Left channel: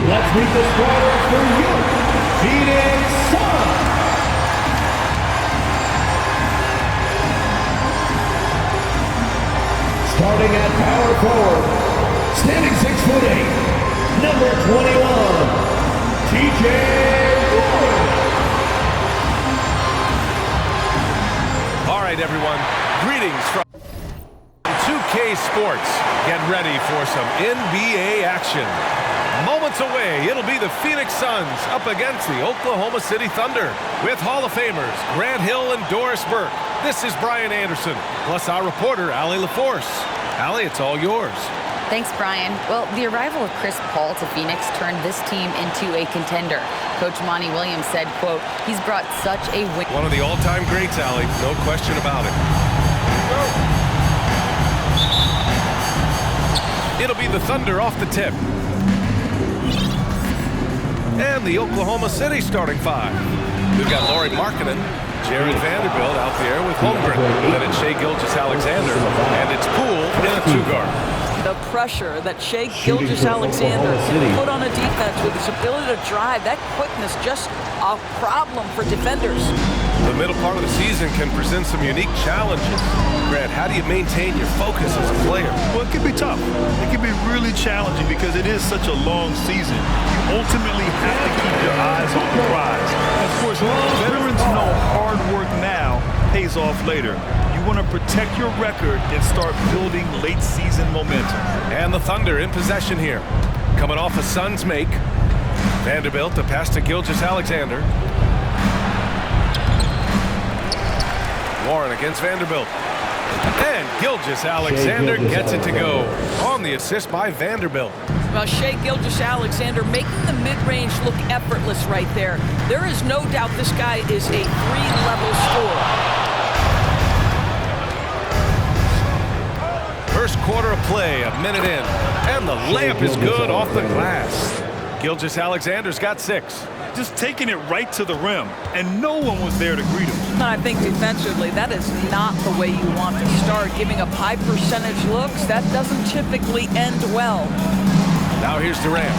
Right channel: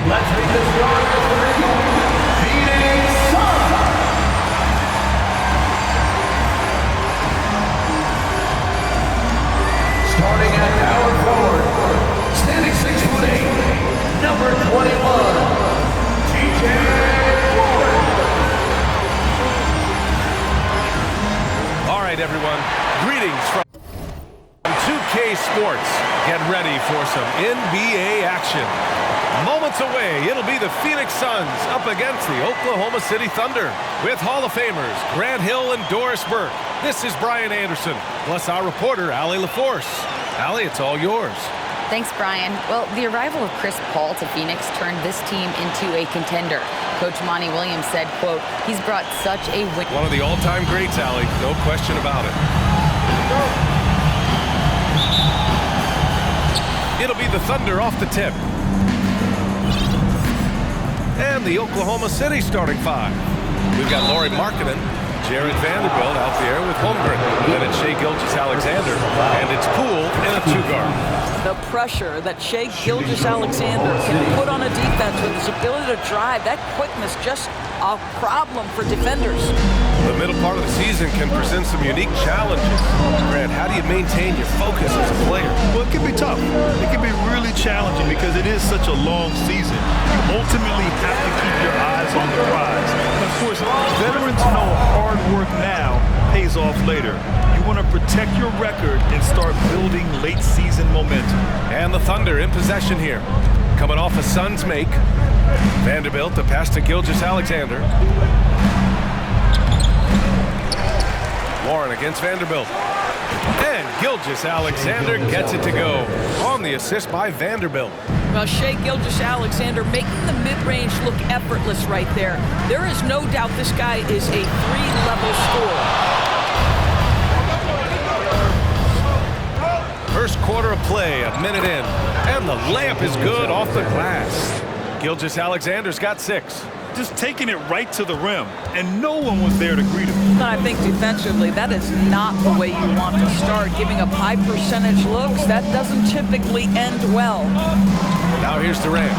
Let's meet the starter for your Phoenix Suns. Starting at power forward, standing 6'8", number 21, TJ Warren. All right, everyone. Greetings from 2K Sports. Get ready for some NBA action. Moments away, it'll be the Phoenix Suns up against the Oklahoma City Thunder with Hall of Famers Grant Hill and Doris Burke. This is Brian Anderson, plus our reporter, Allie LaForce. Allie, it's all yours. Thanks, Brian. Well, the arrival of Chris Paul to Phoenix turned this team into a contender. Coach Monty Williams said, quote, he's brought such a win. One of the all-time greats, Allie. No question about it. It'll be the Thunder off the tip. And the Oklahoma City starting five. We've got Lauri Markkanen, Jared Vanderbilt out there with Holmgren. Then it's Shai Gilgeous-Alexander, and it's Poole in a two-guard. The pressure that Shai Gilgeous-Alexander can put on a defense with his ability to drive, that quickness, just a problem for defenders. The middle part of the season can present some unique challenges. Grant, how do you maintain your focus as a player? Well, it can be tough. It can be really challenging because it is such a long season. You ultimately have to keep your eyes on the prize. And of course, veterans know hard work now pays off later. You want to protect your record and start building late season momentum. And the Thunder in possession here. Coming off a Suns make. Vanderbilt, the pass to Gilgeous-Alexander. Warren against Vanderbilt. And Gilgeous-Alexander gets it to go on the assist by Vanderbilt. Well, Shai Gilgeous-Alexander making the mid-range look effortless right there. There is no doubt this guy is a three-level scorer. First quarter of play, a minute in. And the layup is good off the glass. Gilgeous-Alexander's got 6. Just taking it right to the rim, and no one was there to greet him. And I think defensively, that is not the way you want to start. Giving up high percentage looks, that doesn't typically end well. Now here's Durant.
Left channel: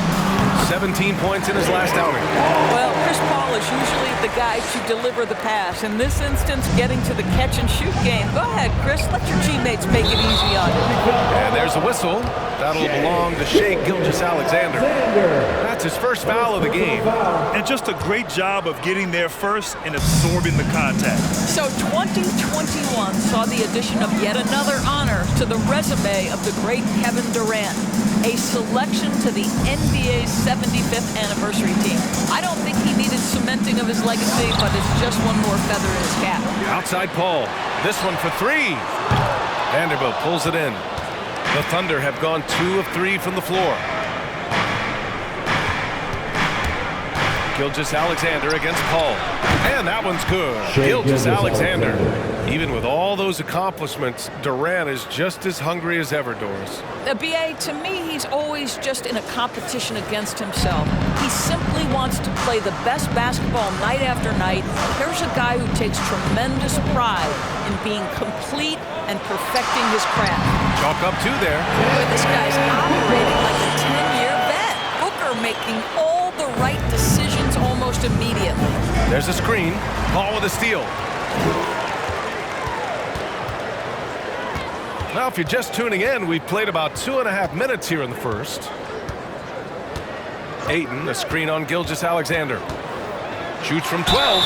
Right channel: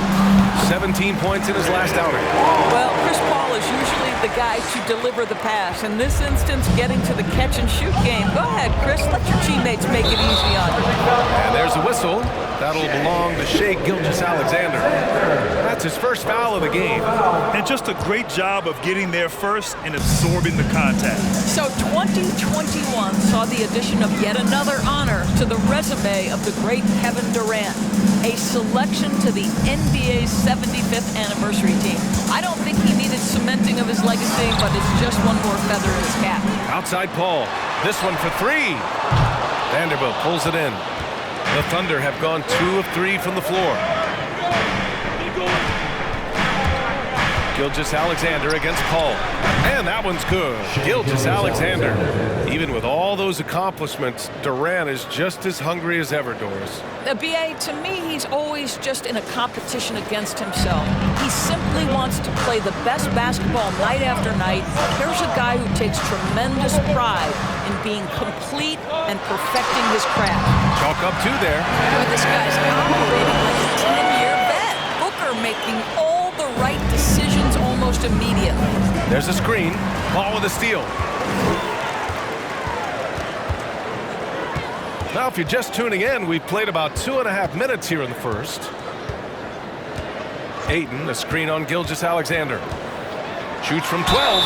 17 points in his last outing. Well, Chris Paul is usually the guy to deliver the pass. In this instance, getting to the catch-and-shoot game. Go ahead, Chris. Let your teammates make it easy on you. And there's the whistle. That'll belong to Shai Gilgeous-Alexander. That's his first foul of the game. And just a great job of getting there first and absorbing the contact. So 2021 saw the addition of yet another honor to the resume of the great Kevin Durant. A selection to the NBA's 75th anniversary team. I don't think he needed cementing of his legacy, but it's just one more feather in his cap. Outside Paul. This one for 3. Vanderbilt pulls it in. The Thunder have gone 2 of 3 from the floor. Gilgeous-Alexander against Paul. And that one's good. Gilgeous-Alexander. Even with all those accomplishments, Durant is just as hungry as ever, Doris. B.A., to me, he's always just in a competition against himself. He simply wants to play the best basketball night after night. Here's a guy who takes tremendous pride in being complete and perfecting his craft. Chalk up 2 there. Boy, this guy's operating like a 10-year vet. Booker making all the right decisions almost immediately. There's a screen. Paul with a steal. Now, if you're just tuning in, we've played about 2.5 minutes here in the first. Ayton, a screen on Gilgeous-Alexander. Shoots from 12,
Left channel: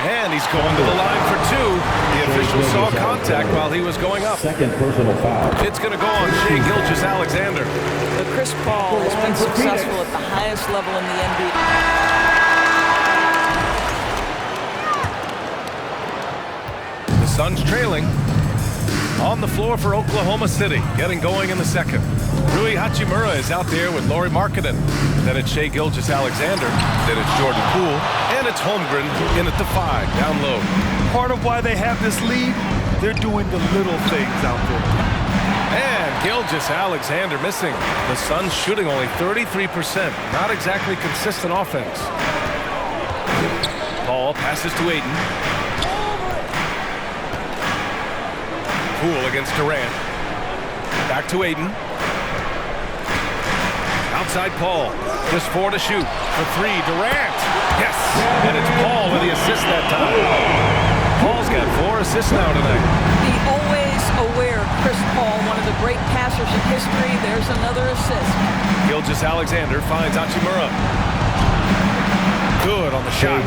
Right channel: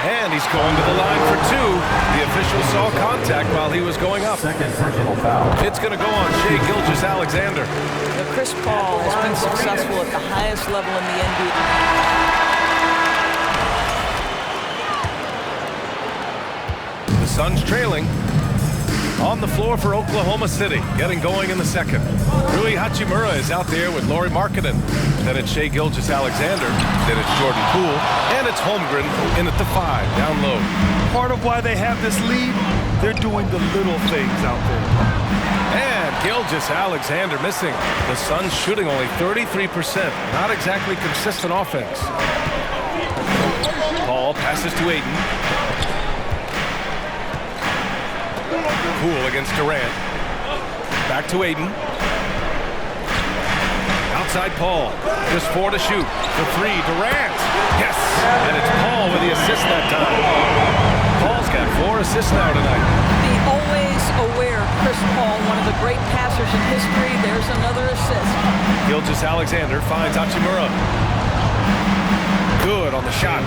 and he's going to the line for 2. The official saw contact while he was going up. Second personal foul. It's going to go on Shai Gilgeous-Alexander. Chris Paul has been successful at the highest level in the NBA. The Suns trailing. On the floor for Oklahoma City, getting going in the second. Rui Hachimura is out there with Lauri Markkanen. Then it's Shai Gilgeous-Alexander. Then it's Jordan Poole. And it's Holmgren in at the 5, down low. Part of why they have this lead, they're doing the little things out there. And Gilgeous-Alexander missing. The Suns shooting only 33%. Not exactly consistent offense. Paul passes to Ayton. Poole against Durant. Back to Ayton. Outside Paul. Just 4 to shoot. For 3, Durant. Yes! And it's Paul with the assist that time. Paul's got 4 assists now tonight. The always aware Chris Paul, one of the great passers in history. There's another assist. Gilgeous-Alexander finds Hachimura. Good on the shot.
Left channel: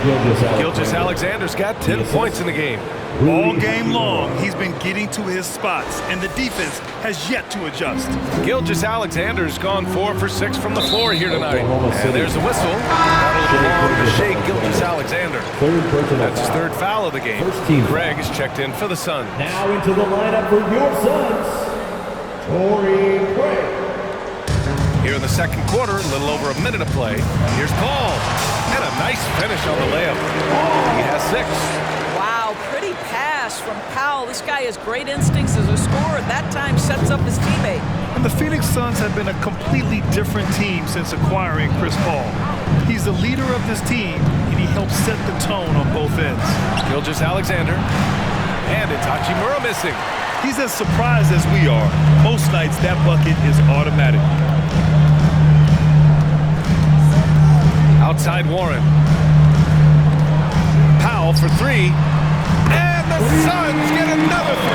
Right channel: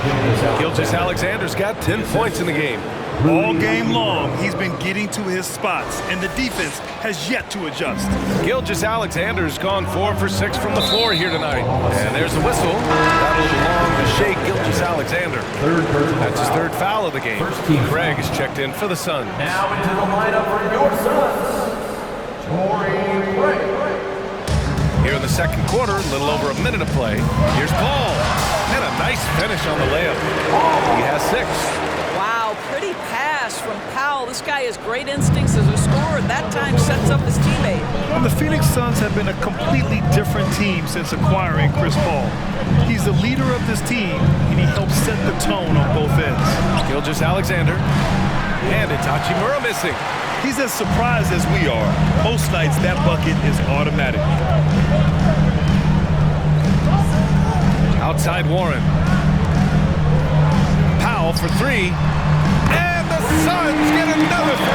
Gilgeous-Alexander's got 10 points in the game. All game long, he's been getting to his spots, and the defense has yet to adjust. Gilgeous-Alexander's gone 4 for 6 from the floor here tonight. And there's the whistle. That'll belong to Shai Gilgeous-Alexander. That's his 3rd foul of the game. Craig is checked in for the Suns. Now into the lineup for your Suns, Torrey Craig. Here in the second quarter, a little over a minute of play. Here's Paul. And a nice finish on the layup. He has 6. Wow, pretty pass from Powell. This guy has great instincts as a scorer. That time sets up his teammate. And the Phoenix Suns have been a completely different team since acquiring Chris Paul. He's the leader of this team, and he helps set the tone on both ends. Gilgeous-Alexander. And it's Hachimura missing. He's as surprised as we are. Most nights, that bucket is automatic. Outside Warren. Powell for 3. And the Suns get another 3.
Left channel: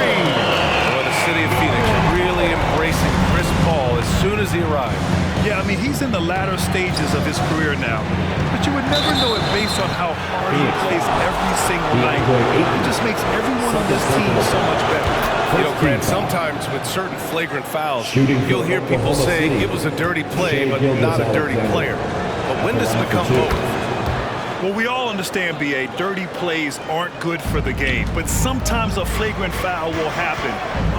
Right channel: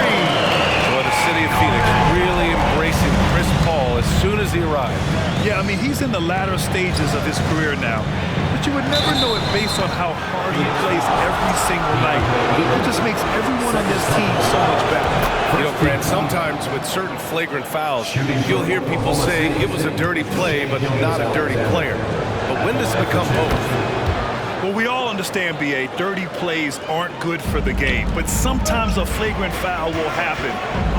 Boy, the city of Phoenix really embracing Chris Paul as soon as he arrived. Yeah, I mean, he's in the latter stages of his career now. But you would never know it based on how hard he plays every single night. He just makes everyone on this team so much better. You know, Grant, sometimes with certain flagrant fouls, you'll hear people say it was a dirty play, but not a dirty player. But when does it become both? Well, we all understand, B.A., dirty plays aren't good for the game, but sometimes a flagrant foul will happen.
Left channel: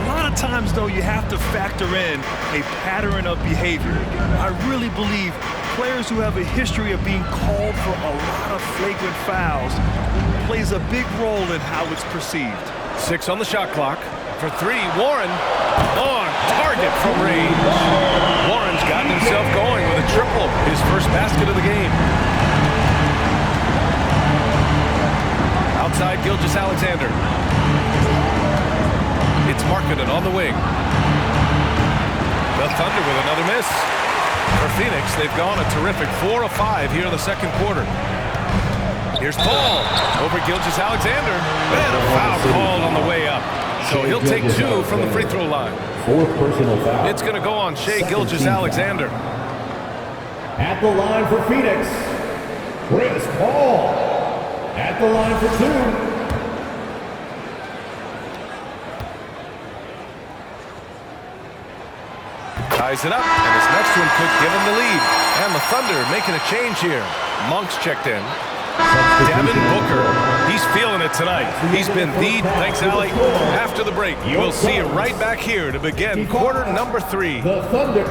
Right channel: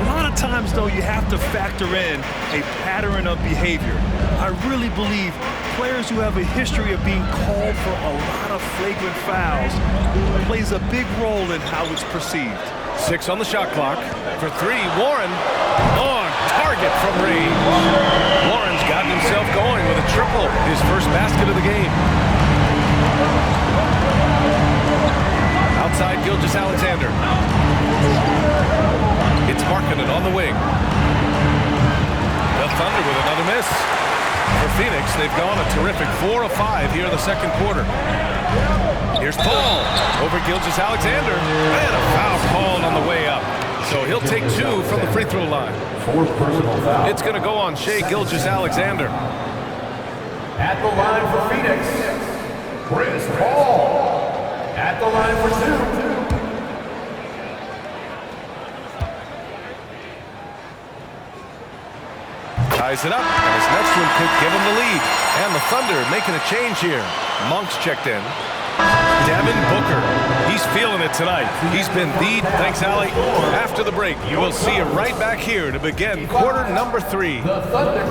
A lot of times, though, you have to factor in a pattern of behavior. I really believe players who have a history of being called for a lot of flagrant fouls plays a big role in how it's perceived. 6 on the shot clock. For 3, Warren on target from range. Warren's gotten himself going with a triple, his first basket of the game. Outside Gilgeous-Alexander. It's Markkanen on the wing. The Thunder with another miss. For Phoenix, they've gone a terrific 4 of 5 here in the second quarter. Here's Paul over Gilgeous-Alexander. And a foul called on the way up. So he'll take 2 from the free throw line. 4th personal foul. It's going to go on Shai Gilgeous-Alexander. At the line for Phoenix, Chris Paul. At the line for 2. Ties it up, and his next one could give him the lead. And the Thunder making a change here. Monk's checked in. Devin Booker. He's feeling it tonight. He's been the, thanks, Allie. After the break, we'll see you right back here to begin quarter number 3. The Thunder.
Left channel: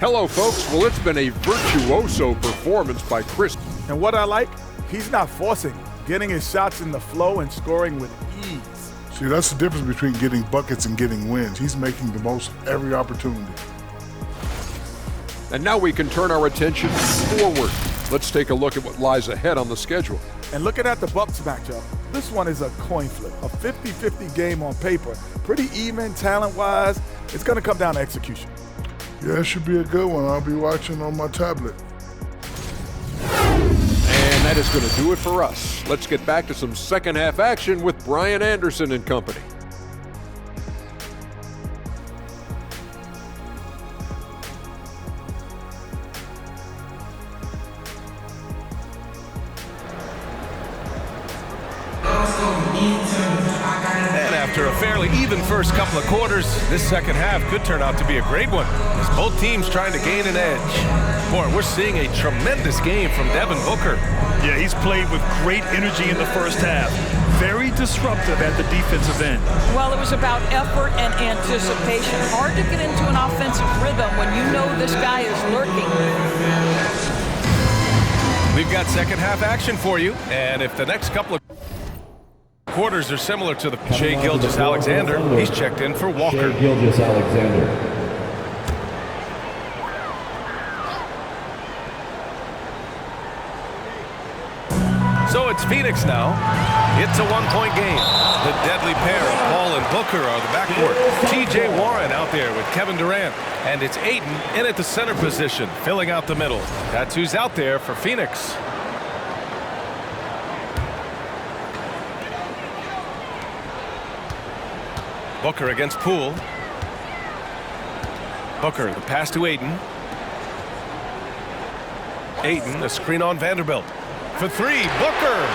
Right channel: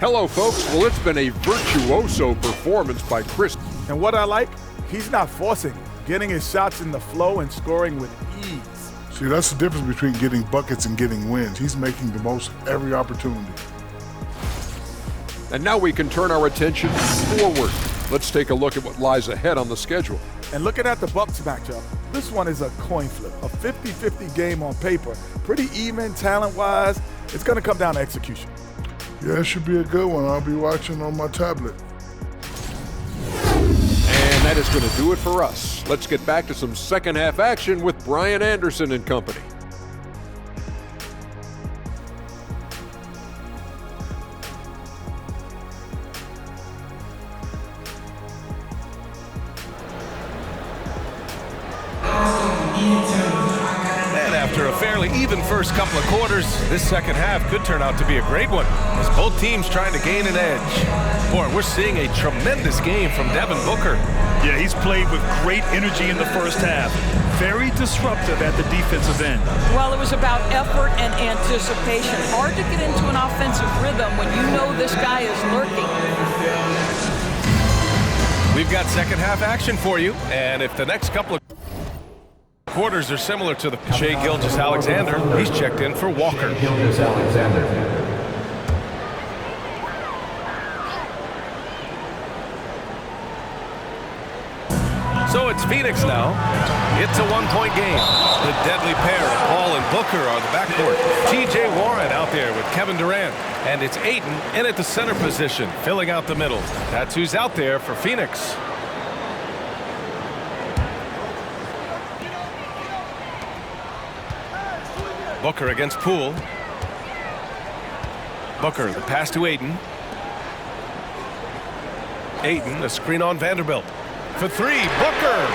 Hello, folks. Well, it's been a virtuoso performance by Chris. And what I like, he's not forcing, getting his shots in the flow and scoring with ease. See, that's the difference between getting buckets and getting wins. He's making the most of every opportunity. And now we can turn our attention forward. Let's take a look at what lies ahead on the schedule. And looking at the Bucks matchup, this one is a coin flip, a 50-50 game on paper. Pretty even talent-wise. It's going to come down to execution. Yeah, it should be a good one. I'll be watching on my tablet. And that is going to do it for us. Let's get back to some second half action with Brian Anderson and company. And after a fairly even first couple of quarters, this second half could turn out to be a great one as both teams trying to gain an edge. Boy, we're seeing a tremendous game from Devin Booker. Yeah, he's played with great energy in the first half. Very disruptive at the defensive end. Well, it was about effort and anticipation. Hard to get into an offensive rhythm when you know this guy is lurking. We've got second half action for you, and if the next couple of quarters are similar to the Shai Gilgeous-Alexander, he's checked in for Walker. Shai Gilgeous-Alexander. So it's Phoenix now. It's a one-point game. The deadly pair of Paul and Booker are the backcourt. T.J. Warren out there with Kevin Durant. And it's Ayton in at the center position, filling out the middle. That's who's out there for Phoenix. Booker against Poole. Booker, the pass to Ayton. Ayton, a screen on Vanderbilt. For three, Booker!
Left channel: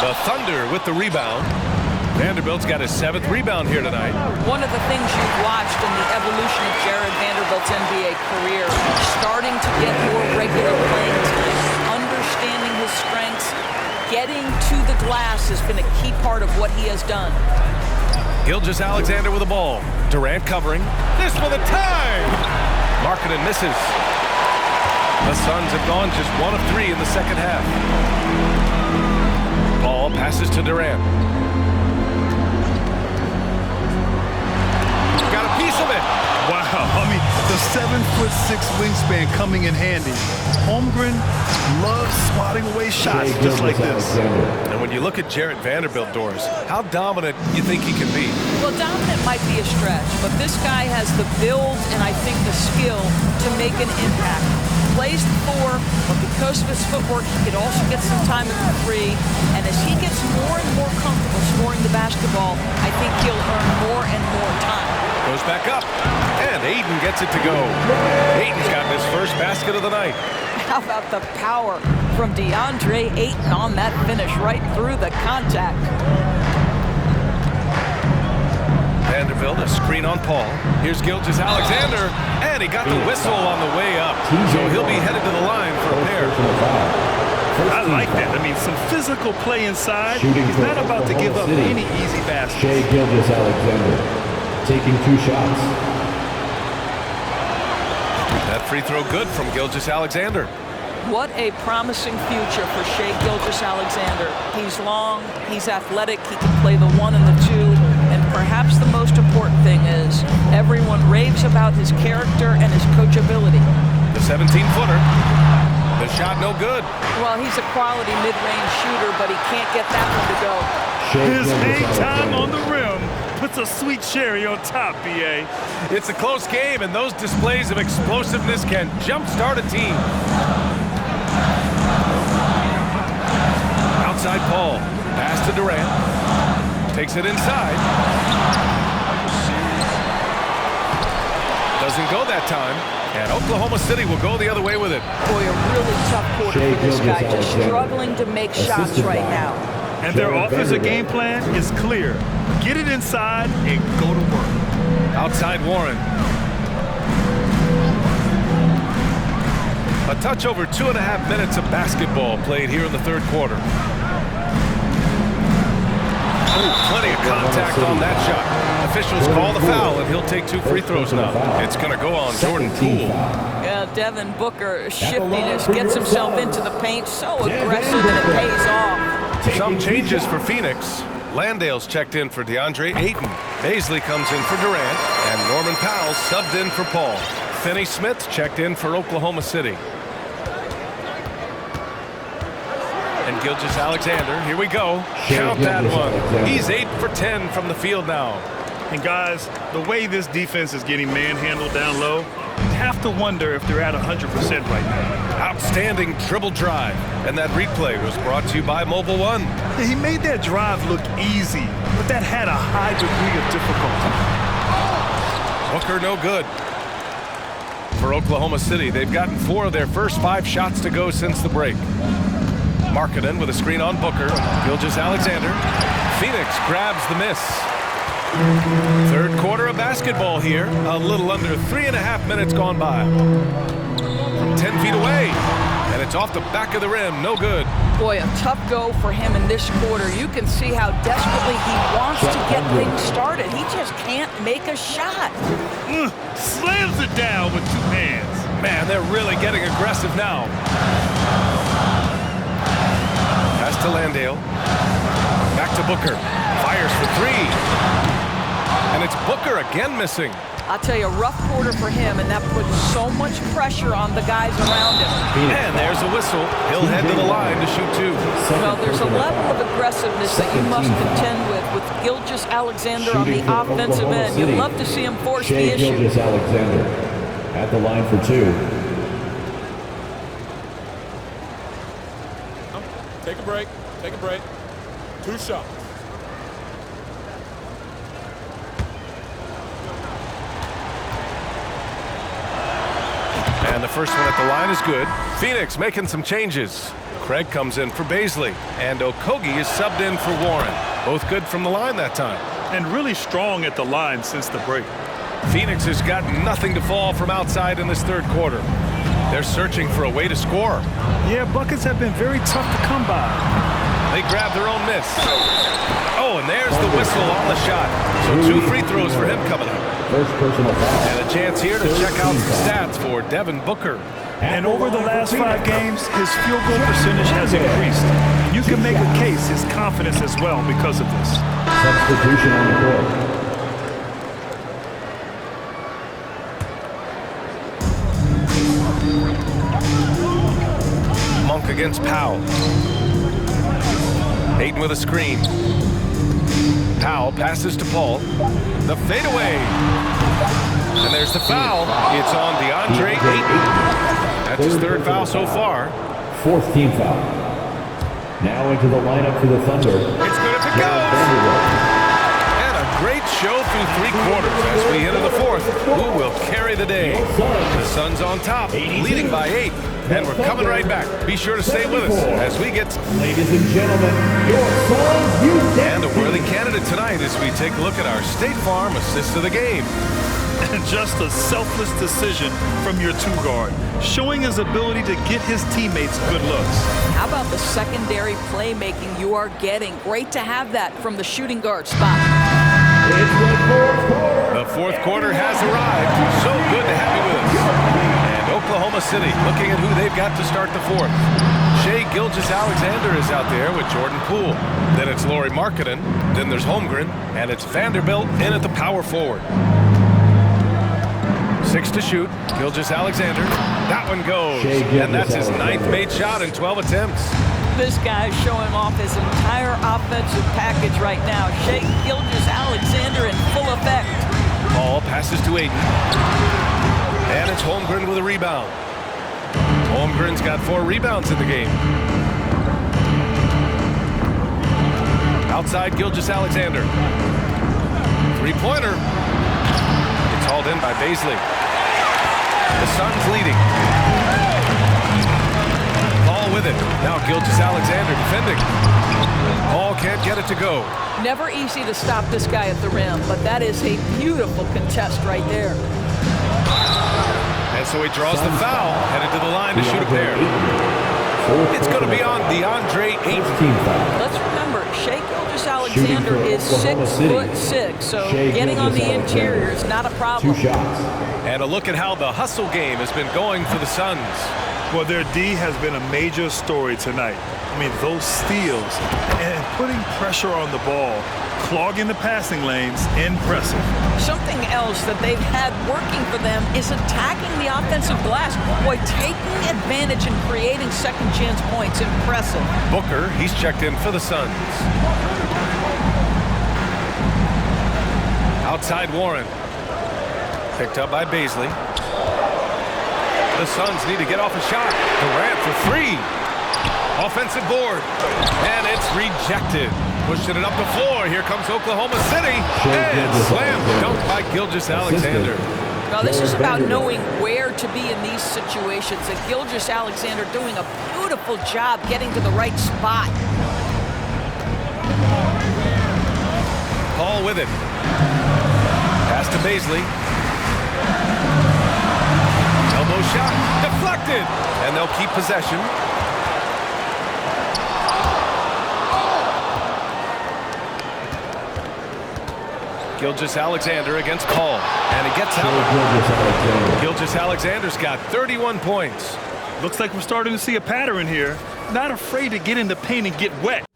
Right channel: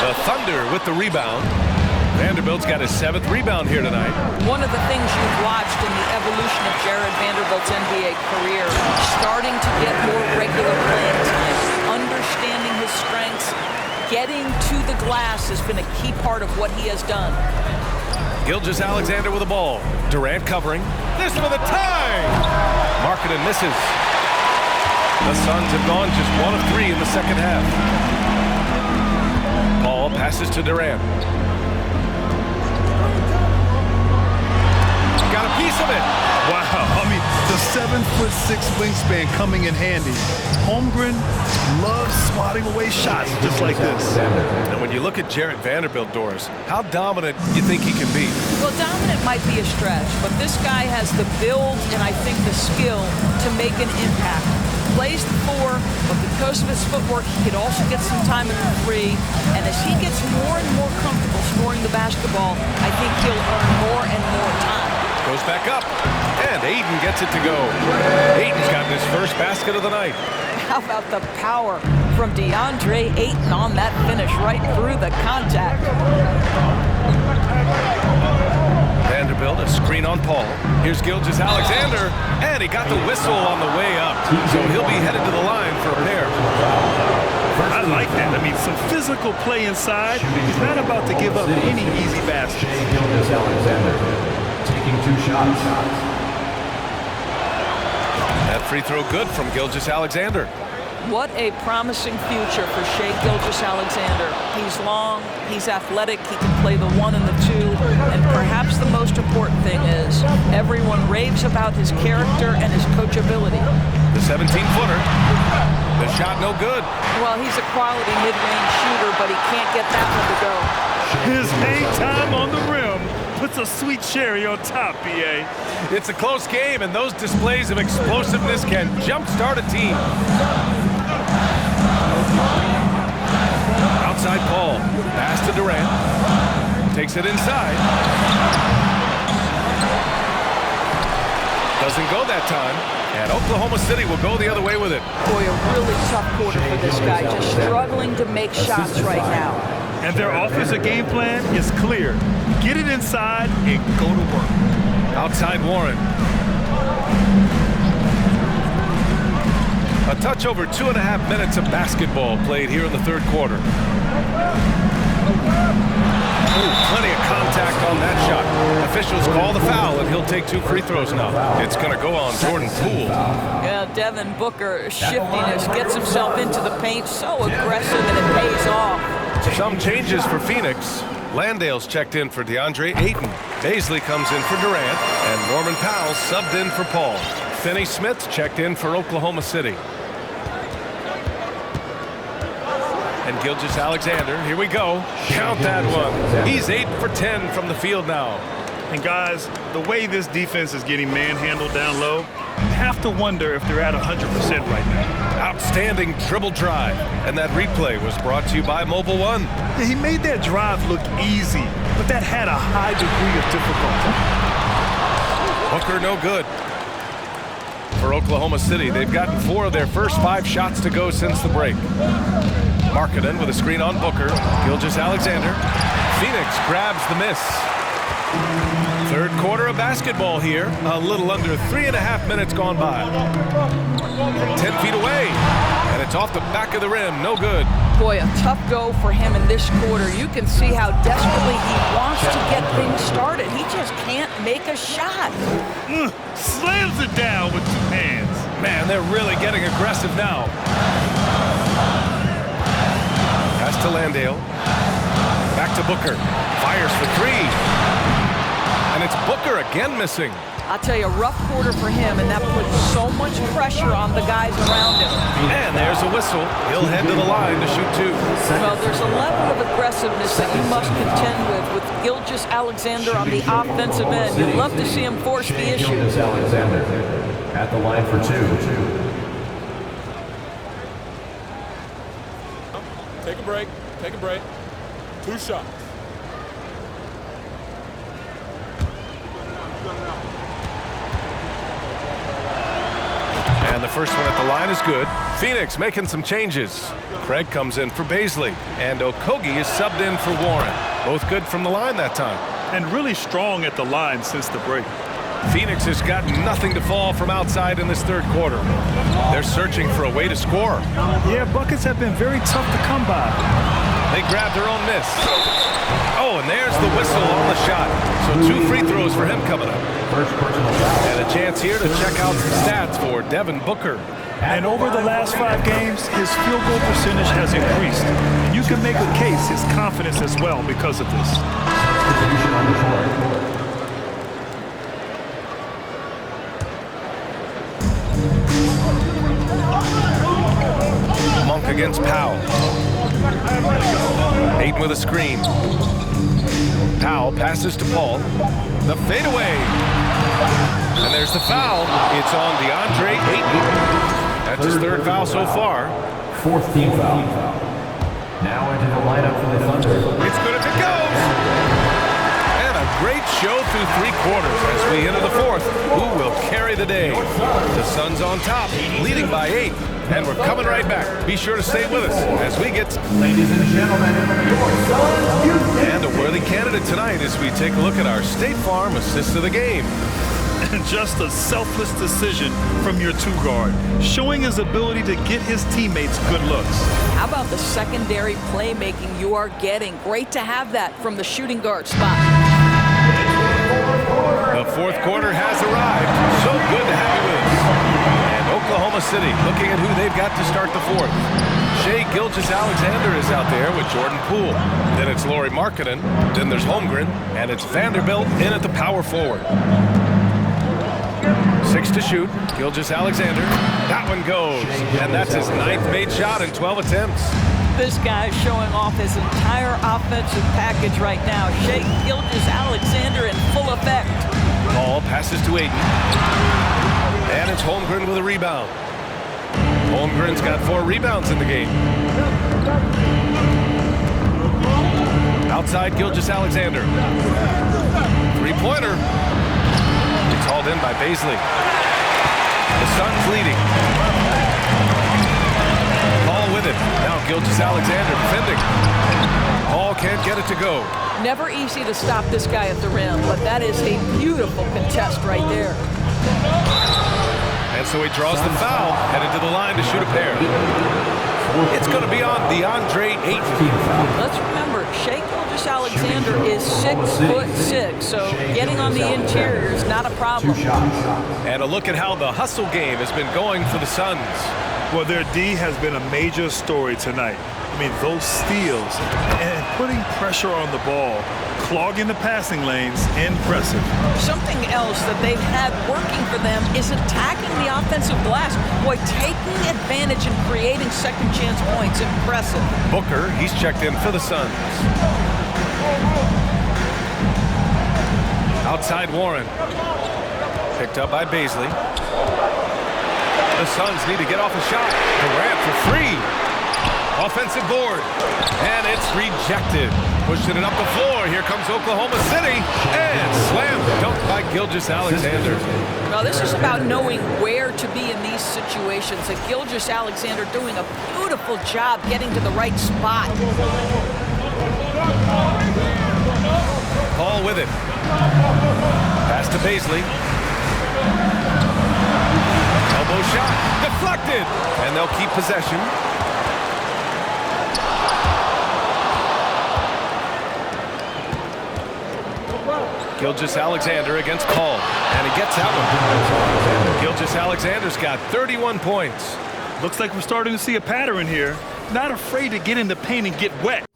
The Thunder with the rebound. Vanderbilt's got his 7th rebound here tonight. One of the things you've watched in the evolution of Jared Vanderbilt's NBA career, starting to get more regular playing time, understanding his strengths, getting to the glass has been a key part of what he has done. Gilgeous-Alexander with the ball. Durant covering. This for the tie! Markkanen misses. The Suns have gone just 1 of 3 in the second half. Paul passes to Durant. Got a piece of it. Wow, I mean, the 7'6" wingspan coming in handy. Holmgren loves swatting away shots just like this. And when you look at Jarrett Vanderbilt, Doris, how dominant you think he can be? Well, dominant might be a stretch, but this guy has the build and I think the skill to make an impact. Plays the 4, but because of his footwork, he could also get some time at the 3. And as he gets more and more comfortable scoring the basketball, I think he'll earn more and more time. Goes back up, and Ayton gets it to go. Ayton's gotten his first basket of the night. How about the power from DeAndre Ayton on that finish right through the contact? Vanderbilt, a screen on Paul. Here's Gilgeous-Alexander, and he got the whistle on the way up. So he'll be headed to the line for a pair. I like that. I mean, some physical play inside. He's not about to give up any easy baskets. Shai Gilgeous-Alexander taking 2 shots. That free throw good from Gilgeous-Alexander. What a promising future for Shai Gilgeous-Alexander. He's long, he's athletic, he can play the 1 and the 2, and perhaps the most important thing is everyone raves about his character and his coachability. The 17-footer. The shot no good. Well, he's a quality mid-range shooter, but he can't get that one to go. His hang time on the rim puts a sweet cherry on top, B.A. It's a close game, and those displays of explosiveness can jumpstart a team. Outside Paul. Pass to Durant. Takes it inside. Doesn't go that time. And Oklahoma City will go the other way with it. Boy, a really tough quarter for this guy. Just struggling to make shots right now. And their offensive game plan is clear. Get it inside and go to work. Outside Warren. A touch over 2.5 minutes of basketball played here in the third quarter. Ooh, plenty of contact on that shot. Officials call the foul, and he'll take 2 free throws now. It's going to go on Jordan Poole. Yeah, Devin Booker, shiftiness, gets himself into the paint, so aggressive, and it pays off. Some changes for Phoenix. Landale's checked in for DeAndre Ayton. Baisley comes in for Durant, and Norman Powell subbed in for Paul. Finney Smith checked in for Oklahoma City. And Gilgeous-Alexander, here we go. Count that one. He's 8 for 10 from the field now. And guys, the way this defense is getting manhandled down low, you have to wonder if they're at 100% right now. Outstanding dribble drive. And that replay was brought to you by Mobile One. Yeah, he made that drive look easy, but that had a high degree of difficulty. Booker no good. For Oklahoma City, they've gotten 4 of their first 5 shots to go since the break. Markkanen with a screen on Booker. Gilgeous-Alexander. Phoenix grabs the miss. Third quarter of basketball here. A little under 3.5 minutes gone by. From 10 feet away. And it's off the back of the rim. No good. Boy, a tough go for him in this quarter. You can see how desperately he wants to get things started. He just can't make a shot. Slams it down with 2 hands. Man, they're really getting aggressive now. Pass to Landale. Back to Booker. Fires for 3. And it's Booker again missing. I'll tell you, a rough quarter for him, and that puts so much pressure on the guys around him. And there's a whistle. He'll head to the line to shoot 2. Well, there's a level of aggressiveness that you must contend with Gilgeous Alexander on the offensive end. You'd love to see him force the issue. Gilgeous Alexander at the line for 2. Take a break. Take a break. 2 shots. And the first one at the line is good. Phoenix making some changes. Craig comes in for Baisley, and Okogie is subbed in for Warren. Both good from the line that time. And really strong at the line since the break. Phoenix has got nothing to fall from outside in this third quarter. They're searching for a way to score. Yeah, buckets have been very tough to come by. They grab their own miss. Oh, and there's the whistle on the shot. So 2 free throws for him coming up. First personal foul. And a chance here to check out some stats for Devin Booker. And over the last 5 games, his field goal percentage has increased. And you can make a case his confidence as well because of this. Substitution on the court. Monk against Powell. Ayton with a screen. Powell passes to Paul. The fadeaway. And there's the foul. It's on DeAndre Ayton. That's his 3rd foul so far. 4th team foul. Now into the lineup for the Thunder. It's good if it goes. And a great show through 3 quarters as we enter the 4th. Who will carry the day? The Suns on top, leading by 8. And we're coming right back. Be sure to stay with us as we get... Ladies and gentlemen, your Suns, you and a worthy candidate tonight as we take a look at our State Farm assist of the game. And just a selfless decision from your 2 guard, showing his ability to get his teammates good looks. How about the secondary playmaking you are getting? Great to have that from the shooting guard spot. The 4th quarter has arrived. So good to have you with us. And Oklahoma City looking at who they've got to start the 4th. Shai Gilgeous-Alexander is out there with Jordan Poole. Then it's Lauri Markkanen. Then there's Holmgren. And it's Vanderbilt in at the power forward. 6 to shoot. Gilgeous-Alexander. That one goes. And that's his 9th made shot in 12 attempts. This guy's showing off his entire offensive package right now. Shai Gilgeous-Alexander in full effect. Paul passes to Ayton. And it's Holmgren with a rebound. Holmgren's got 4 rebounds in the game. Outside Gilgeous-Alexander. 3-pointer. It's hauled in by Baisley. The Suns leading. Paul with it. Now Gilgeous-Alexander defending. Paul can't get it to go. Never easy to stop this guy at the rim, but that is a beautiful contest right there. And so he draws the foul, headed to the line to shoot a pair. It's going to be on DeAndre Ayton. Let's remember, Shai Gilgeous-Alexander is 6'6", so getting on the interior is not a problem. 2 shots. And a look at how the hustle game has been going for the Suns. Well, their D has been a major story tonight. I mean, those steals and putting pressure on the ball, clogging the passing lanes, impressive. Something else that they've had working for them is attacking the offensive glass. Boy, taking advantage and creating second chance points, impressive. Booker, he's checked in for the Suns. Outside Warren. Picked up by Baisley. The Suns need to get off a shot. Durant for 3. Offensive board. And it's rejected. Pushing it up the floor. Here comes Oklahoma City. And slam dunk by Gilgeous-Alexander. Well, this is about knowing where to be in these situations. And Gilgeous-Alexander doing a beautiful job getting to the right spot. Paul with it. Pass to Baisley. Elbow shot. Deflected. And they'll keep possession. Gilgeous-Alexander against Paul. And he gets that one. Gilgeous-Alexander's got 31 points. Looks like we're starting to see a pattern here. Not afraid to get in the paint and get wet.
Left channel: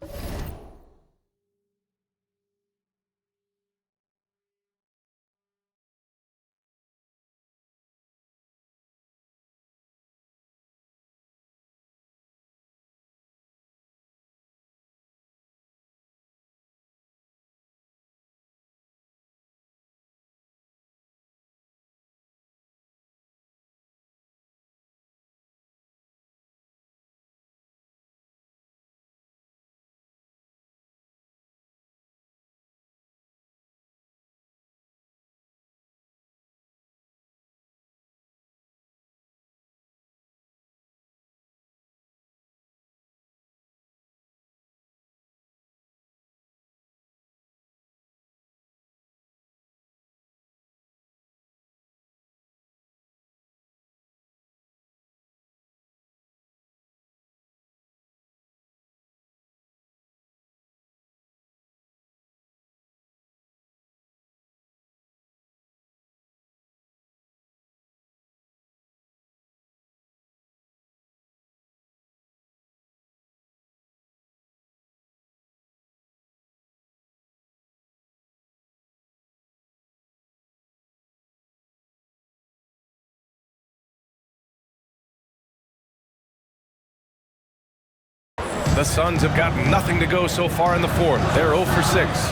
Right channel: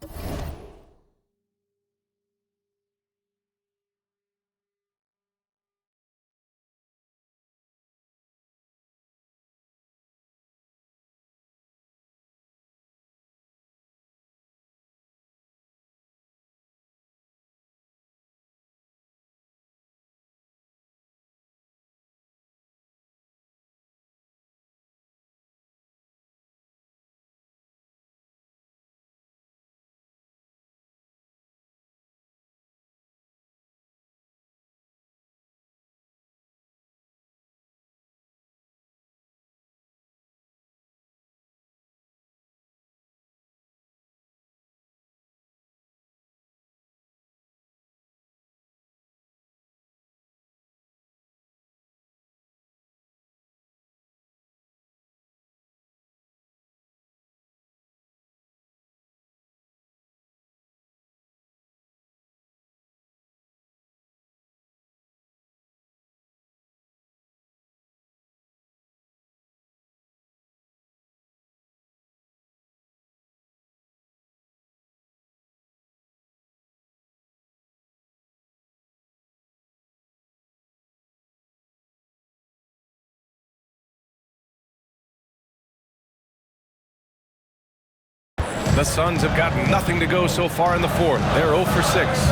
The Suns have got nothing to go so far in the fourth. They're 0 for 6.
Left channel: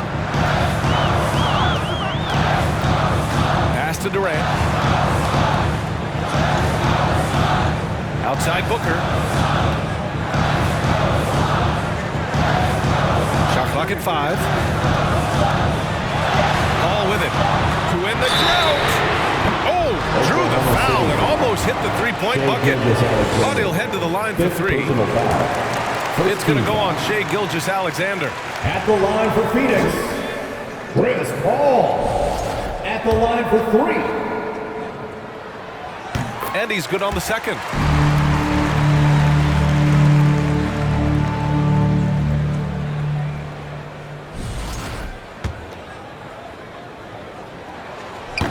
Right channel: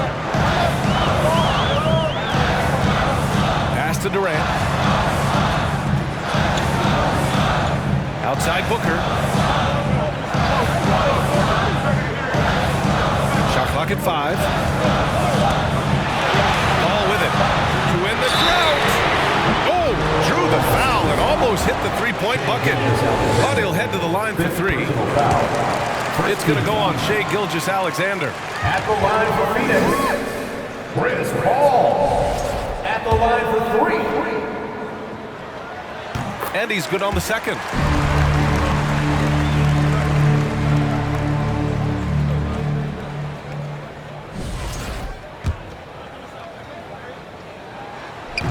Pass to Durant. Outside Booker. Shot clock at 5. Ball with it. To win the drought. Oh, drew the foul and almost hit the three-point bucket. But he'll head to the line for 3. It's going to go on Shai Gilgeous-Alexander. At the line for Phoenix, Chris Paul. At the line for 3. And he's good on the second.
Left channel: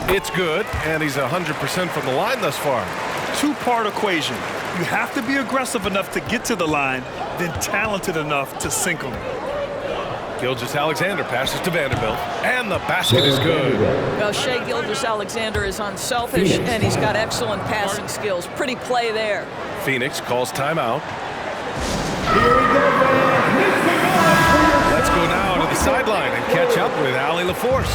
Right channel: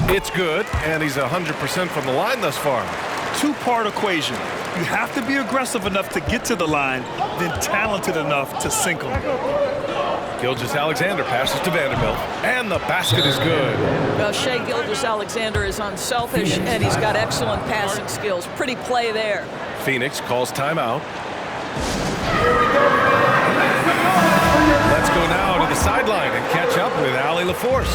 It's good, and he's 100% from the line thus far. Two-part equation. You have to be aggressive enough to get to the line, then talented enough to sink them. Gilgeous-Alexander passes to Vanderbilt, and the basket is good. Well, Shai Gilgeous-Alexander is unselfish, and he's got excellent passing skills. Pretty play there. Phoenix calls timeout. Let's go now to the sideline and catch up with Allie LaForce.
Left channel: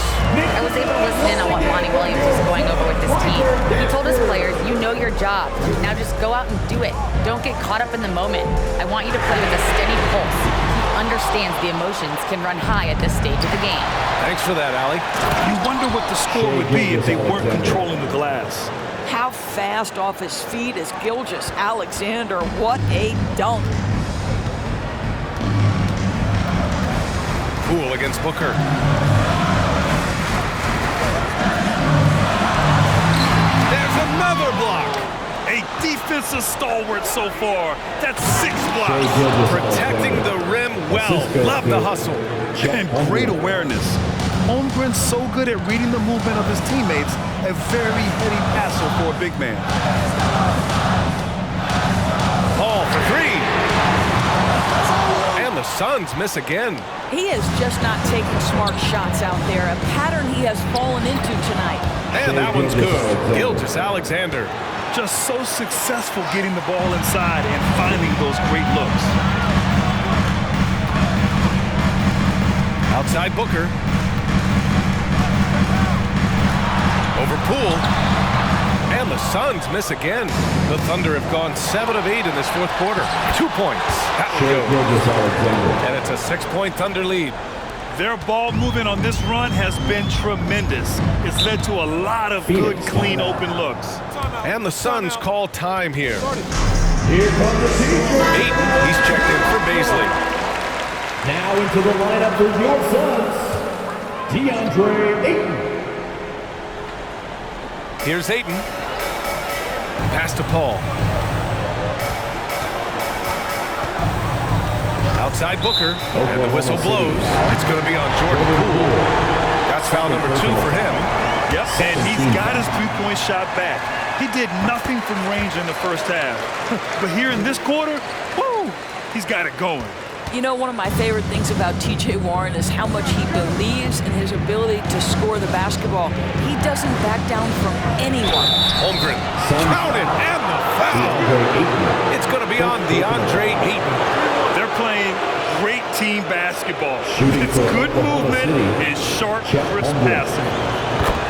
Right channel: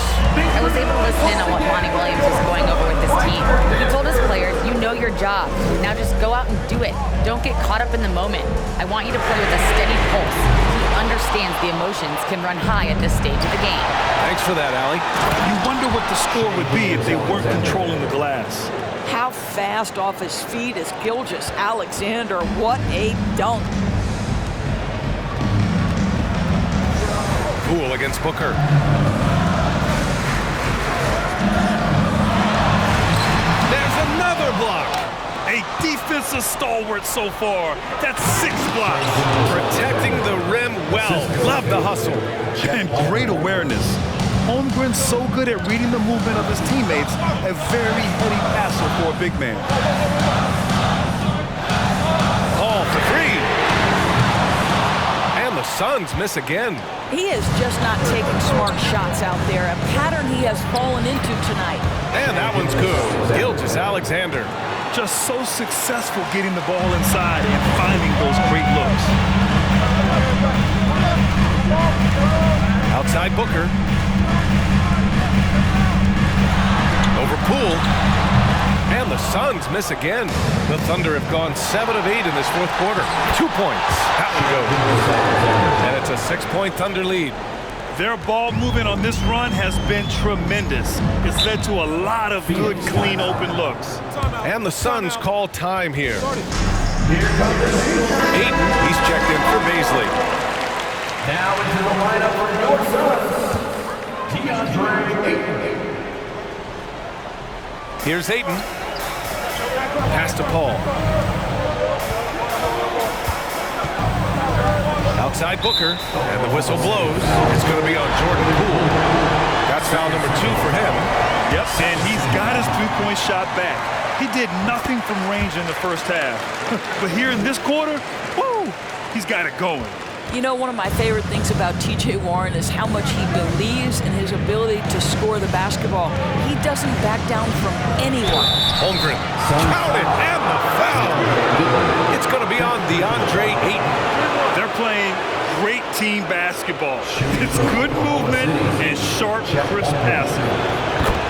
I was able to listen in on what Monty Williams was going over with this team. He told his players, you know your job. Now just go out and do it. Don't get caught up in the moment. I want you to play with a steady pulse. He understands the emotions can run high at this stage of the game. Thanks for that, Allie. You wonder what the score would be if they weren't controlling the glass. How fast off his feet is Gilgeous-Alexander. What a dunk. Poole against Booker. There's another block. A defensive stalwart so far. That's 6 blocks. Protecting the rim well. Love the hustle. And great awareness. Holmgren's so good at reading the movement of his teammates. A very heady passer for a big man. Paul for 3. And the Suns miss again. He is just not taking smart shots out there, a pattern he has fallen into tonight. And that one's good. Gilgeous-Alexander. Just so successful getting the ball inside and finding those great looks. Outside Booker. Over Poole. And the Suns miss again. The Thunder have gone 7 of 8 in this fourth quarter. 2 points. That one goes. And it's a 6-point Thunder lead. Their ball movement on this run has been tremendous. It's led to a lot of good, clean, open looks. And the Suns call time here. Here comes the teacher. Ayton, he's checked in for Baisley. Now into the lineup for your Suns, DeAndre Ayton. Here's Ayton. Pass to Paul. Outside Booker, and the whistle blows. It's going to be on Jordan Poole. That's foul number 2 for him. Yep, and he's got his three-point shot back. He did nothing from range in the first half. But here in this quarter, woo, he's got it going. You know, one of my favorite things about T.J. Warren is how much he believes in his ability to score the basketball. He doesn't back down from anyone. Holmgren, count it, and the foul. It's going to be on DeAndre Ayton. They're playing great team basketball. It's good movement and sharp, crisp passing.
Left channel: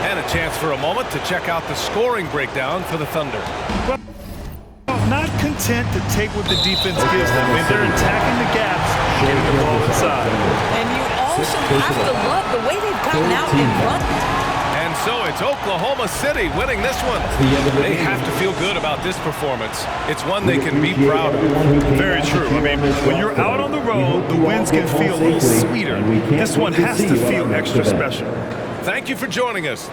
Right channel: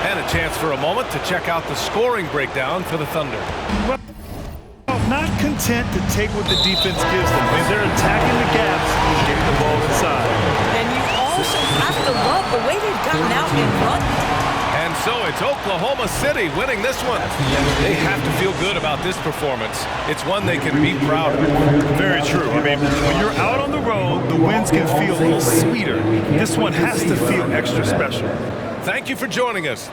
And a chance for a moment to check out the scoring breakdown for the Thunder. Well, not content to take what the defense gives them. I mean, they're attacking the gaps and getting the ball inside. And you also have to love the way they've gotten out and run. And so it's Oklahoma City winning this one. They have to feel good about this performance. It's one they can be proud of. Very true. I mean, when you're out on the road, the wins can feel a little sweeter. This one has to feel extra special. Thank you for joining us.